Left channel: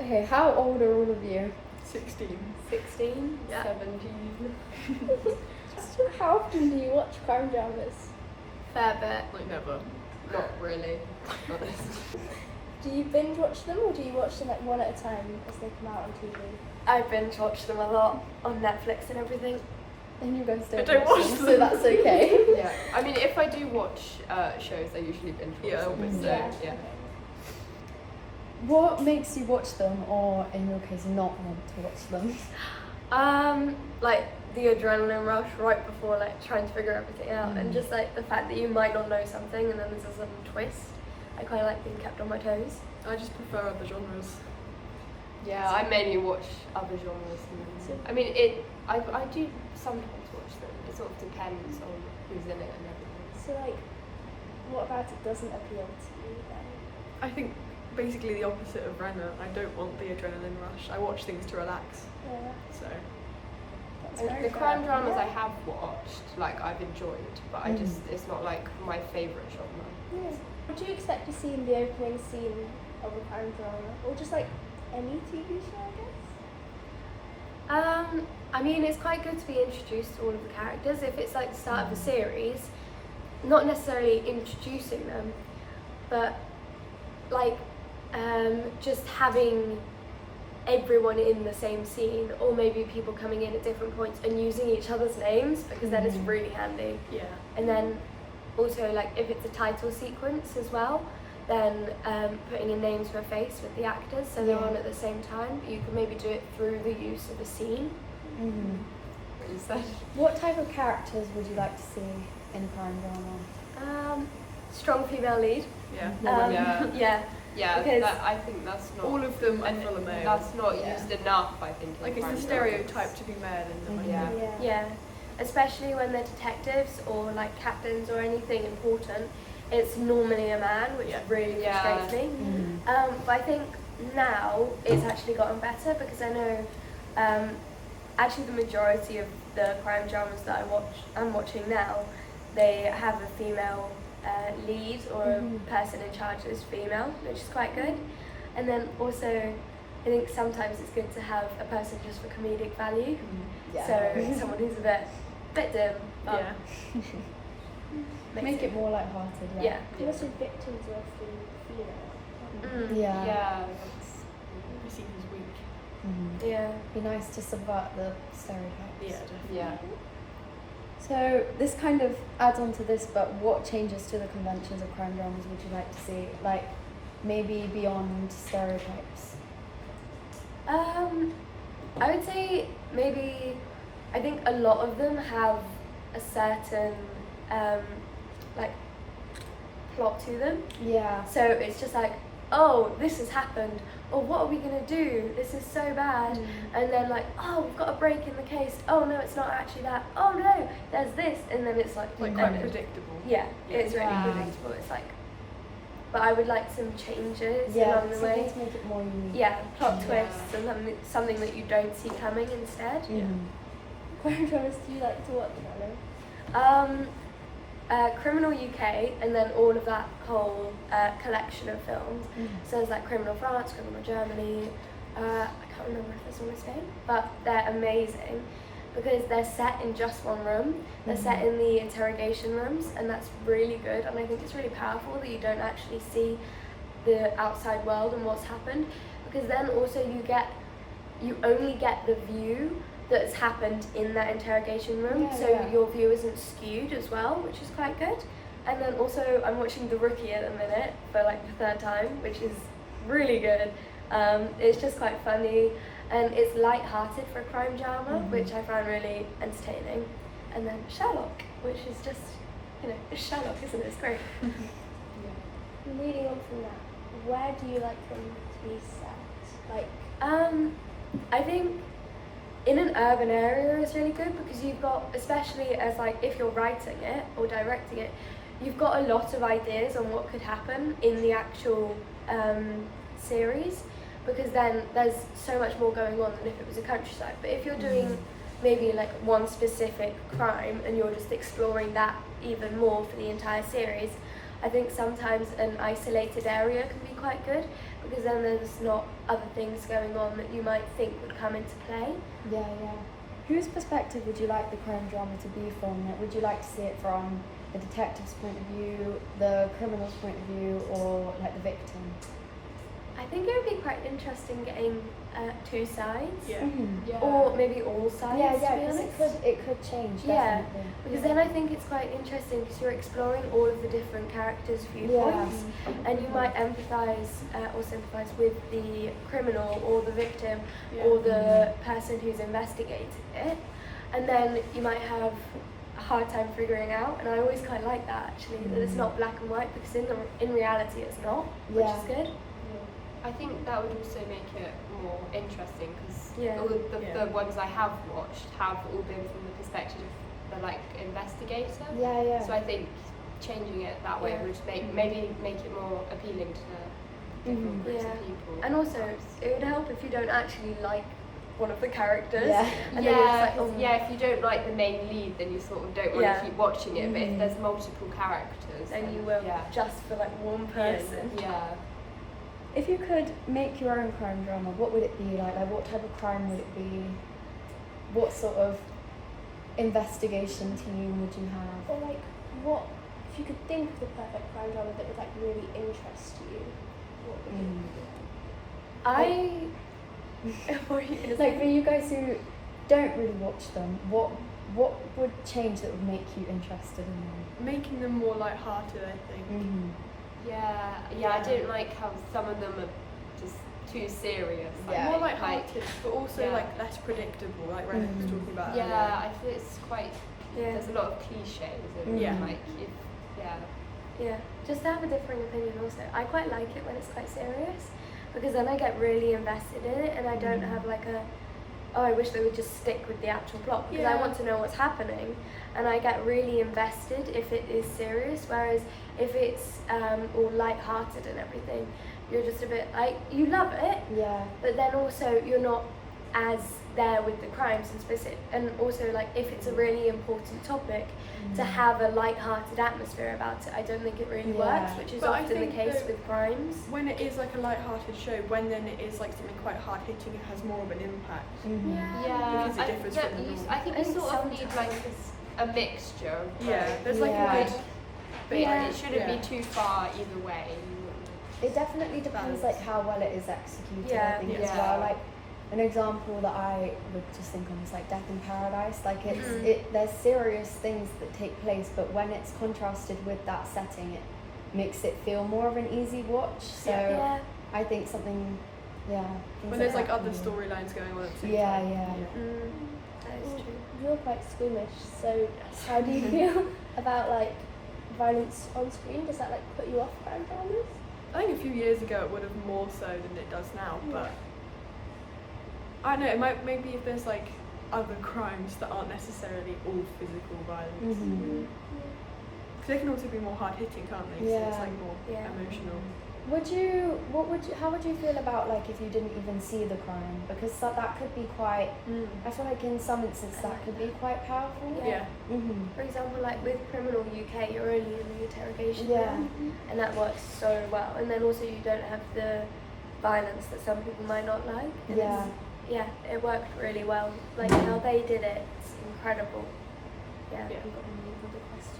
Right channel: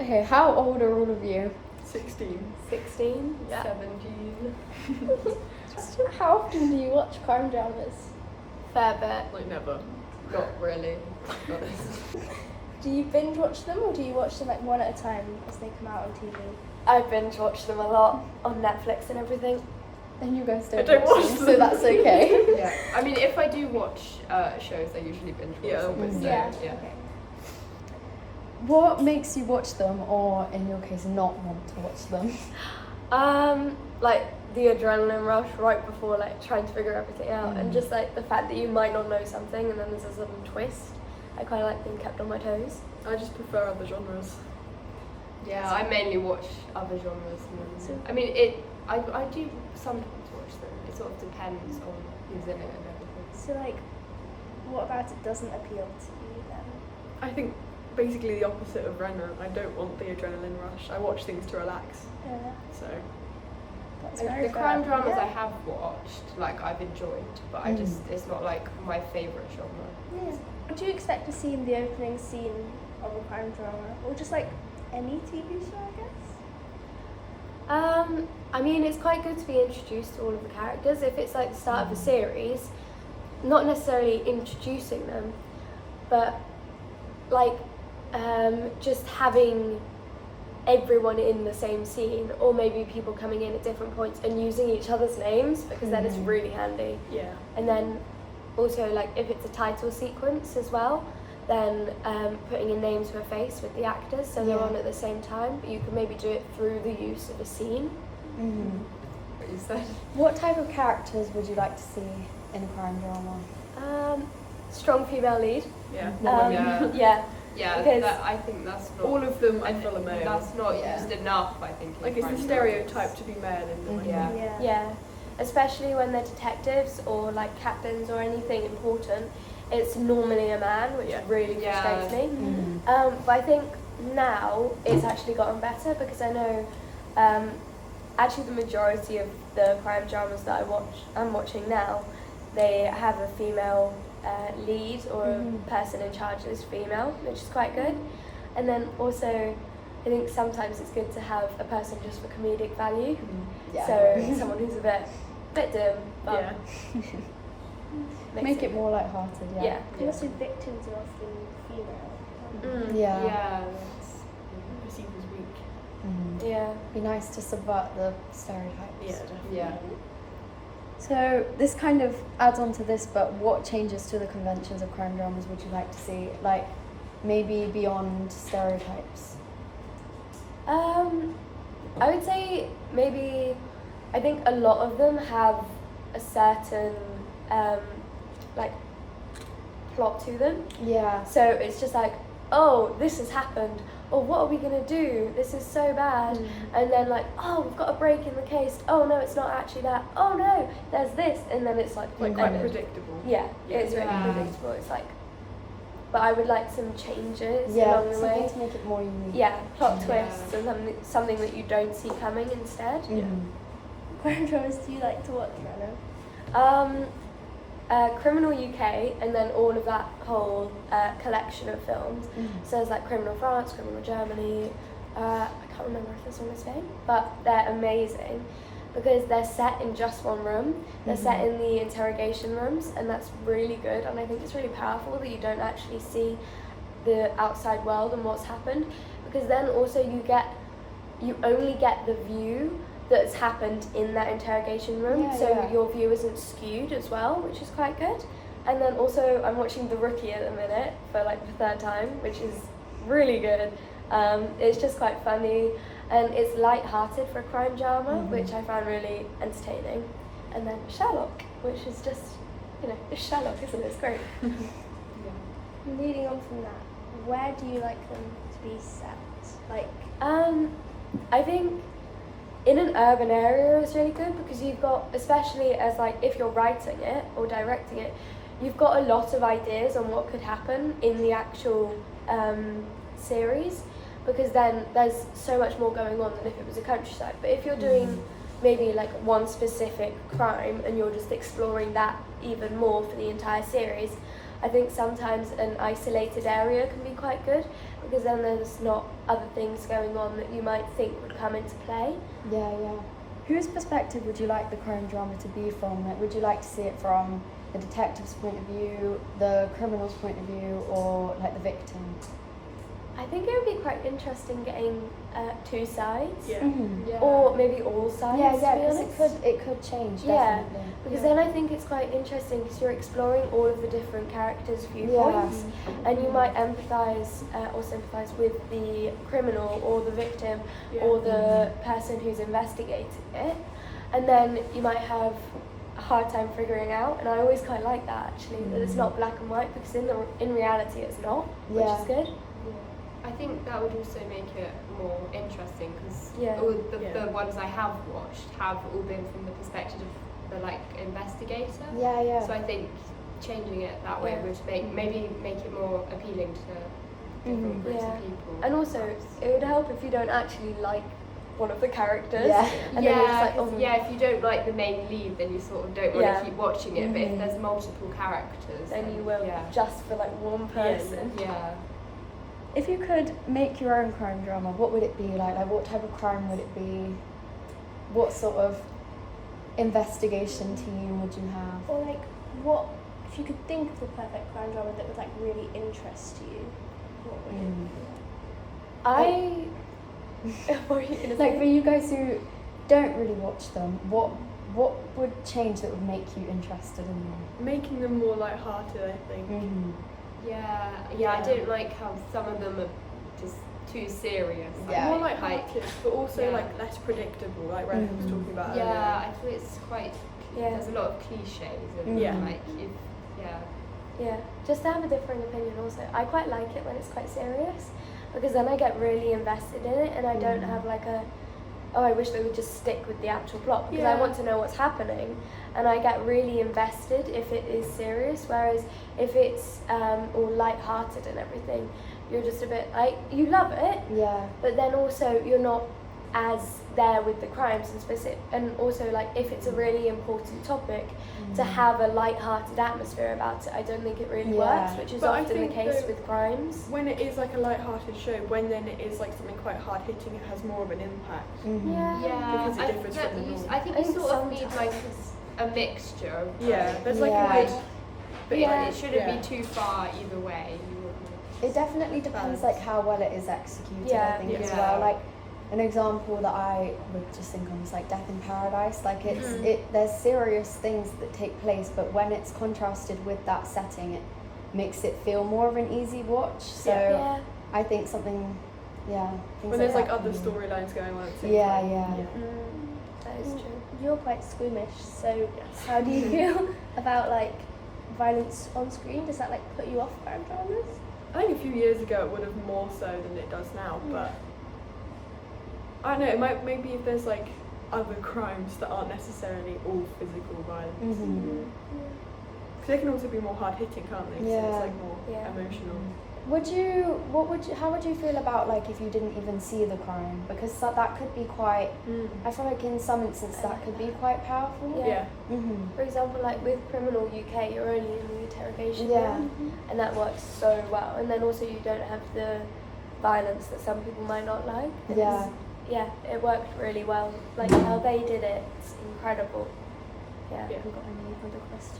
Okay, how old are all of you? 16. 16? Yeah. 17. How often do you watch crime dramas? Fair bit. Like never. Not really. Do you binge watch them or do you watch them like one at a time as they come out on TV? I binge watch them a lot on Netflix and everything. And you guys I don't watch them, them. so that's okay. Yeah, I mean, if I do watch shows, I usually binge watch them. obviously. Yeah. What makes you watch them, or in your case, not want to watch them? Like the adrenaline rush right before like trying to figure everything out, and just like the fact that you might not know something and then there's a sudden twist. I kind of like being kept on my toes. I just prefer other genres. Yeah, I mainly watch other genres. I mean, I do sometimes watch them. It sort of depends on who's in it and everything. So like, what about it doesn't appeal to you then? I think basically the opposite of Renna. I don't want the adrenaline rush. I watch things to relax. So The crime dramas I have watched, like I've enjoyed, but I just it's not like my favourite genre. Yes. What do you expect to see in the opening scene of a crime drama, or just like any TV show, I guess? I mean, it's quite good to be introduced to all of the characters. If it's like the start of a series, not necessarily introducing them, but like just having everyone in the same scene, or maybe people coming in at different points and using each other's names, because then it's really handy. yeah. And then also like if it's a title sequence as well, then putting a name to a face with the actors so they're on at the same time. You can maybe do it through the use of a scene. What you said. What type of characters would you like to see in a crime drama? Strong female lead. Yeah. Yeah. Yeah, Because I think that's not. All of them are and full of male. That's not used enough, I think. in Like it's crime the dramas. stereotype to be male in them. I Yeah. think. Yeah, especially when they're detectives or like captains or anything important, it's normally a man, which really frustrates me. But I think now it's actually gotten better, because I know actually the majority of the crime dramas that I'm watching now, they have a female lead, or a person in charge is female, which is quite good. And then also I think sometimes it's good to have a person just for comedic value. So someone who's a bit dim, but Make it more lighthearted. yeah. Also, victims are often female. Yeah. Perceived as weak. Yeah. Be nice to subvert the stereotypes. Yeah, definitely. Yeah. So this kind of adds on to this, but what changes to the conventions of crime dramas would you like to see? Like maybe beyond stereotypes? I would say maybe, I think a lot of them have a certain like plot to them. Yeah. So it's just like, oh, this has happened. Oh, what are we gonna do? This is so bad. And then like, oh, we've got a break in the case. Oh no, it's not actually that. Oh no, there's this. And then it's like Quite embedded. predictable. Yeah, it's really Yeah. predictable. It's like, but I would like some changes Yeah, along the something way. to make it more unique. Yeah, plot Yeah. twists and something that you don't see coming instead. Yeah. Crime dramas do you like to watch, Anna? Criminal UK, and then all of that whole collection of films. So there's like Criminal France, Criminal Germany. I can't remember if this one is Spain, but they're amazing because they're set in just one room. They're set in the interrogation rooms, and that's really good. And I think it's really powerful that you don't actually see the outside world and what's happened, because then also you only get the view that's happened in that interrogation room, your view isn't skewed as well, which is quite good. And then also I'm watching The Rookie at the minute for like the third time, which is really good. It's just quite funny, and it's light-hearted for a crime drama, which I find really entertaining. And then Sherlock, which is just, it's Sherlock, isn't it? It's great. Leading on from that, where do you like them to be set? Like, I think in an urban area is really good, because you've got, especially as like if you're writing it or directing it, you've got a lot of ideas on what could happen in the actual series, because then there's so much more going on than if it was a countryside. But if you're doing maybe like one specific crime and you're just exploring that even more for the entire series, I think sometimes an isolated area can be quite good, because then there's not other things going on that you might think would come into play. Yeah. Whose perspective would you like the crime drama to be from? Like, would you like to see it from the detective's point of view, the criminal's point of view, or like the victim? I think it would be quite interesting getting two sides, Yeah. Mm-hmm. or maybe all sides. Yeah, to be 'cause honest. it could change. Yeah. Definitely. Because then I think it's quite interesting because you're exploring all of the different characters' viewpoints, and you might empathise or sympathise with the criminal or the victim or the person who's investigating it, and then you might have a hard time figuring out. And I always quite like that actually, that it's not black and white, because in reality it's not, which is good. I think that would also make it more interesting because Yeah. all the ones I have watched have all been from the perspective of the like investigator. Yeah. So I think changing it that way Yeah. would maybe make it more appealing to different groups Yeah. of people. And also, it would help if you don't actually like one of the characters. Yeah. And then you're just like, 'cause, if you don't like the main lead, then you sort of don't want to keep watching it. But if Mhm. there's multiple characters, then you will Yeah. just for like one person. Yeah. If you could make your own crime drama, what would it be like? Like, what type of crime would it be? What sort of investigation team would you have? Or like, what if you could think of the perfect crime drama that would like really interest you? What would it be? What are you gonna Like, say? for you guys who don't really watch them, what would change that would make you interested in them? Making them more light-hearted, I think. Yeah. I don't like how some of them are just too serious. Yeah. More light-hearted, but also Yeah. like less predictable, like Renna was Mhm. talking about Yeah, earlier. I feel it's quite. Yeah. There's a lot of cliches and Yeah. like Yeah, just to have a differing opinion also. I quite like it when it's quite serious, because then I get really invested in it and I don't have like I wish they would just stick with the actual plot, because I Yeah. want to know what's happening, and I get really invested if it is serious, whereas if it's all light-hearted and everything, you're just a bit like, you love it, Yeah. but then also you're not as there with the crimes and specific, and also like if it's a really important topic, to have a light-hearted atmosphere about it, I don't think it really Yeah. works, which is But I often the think case though- with crimes. When it is like a light-hearted show, when then it is like something quite hard-hitting, it has more of an impact. Because it differs from the norm. I think I you think sort of need sometimes- like a mixture. Of Yeah, both. there's like Yeah. a good. But Yeah. it shouldn't be too far either way. You wouldn't- It definitely depends Balance. like how well it is executed. Yeah. I think as Yeah. well. Like an example that I would just think of is like Death in Paradise. Like Mm-hmm. there's serious things that take place, but when it's contrasted with that setting, it makes it feel more of an easy watch. So Yeah. I think something, things When there's like that other can- storylines going on at the same Yeah, time. yeah. That is true. You're quite squeamish, so how do you feel about like violence on screen? Does that like put you off crime dramas? I think a few years ago it would have more so than it does now, but I don't know, it might maybe if there's like other crimes that aren't necessarily all physical violence. Mhm. Because they can also be more hard-hitting, can't they? 'Cause it's Yeah. like more Yeah. emotional. How would you feel about like if you didn't even see the crime? Because that could be quite, I feel like in some instances that could be quite powerful. Yeah. Yeah. Mm-hmm. For example, like with Criminal UK, you're only in the interrogation Yeah. room, and that works so well. And then also you don't have the violence that some people might not like. And Yeah. yeah, it worked really well. Like how they did it, it's incredible. Yeah. Yeah. Have you got any other questions?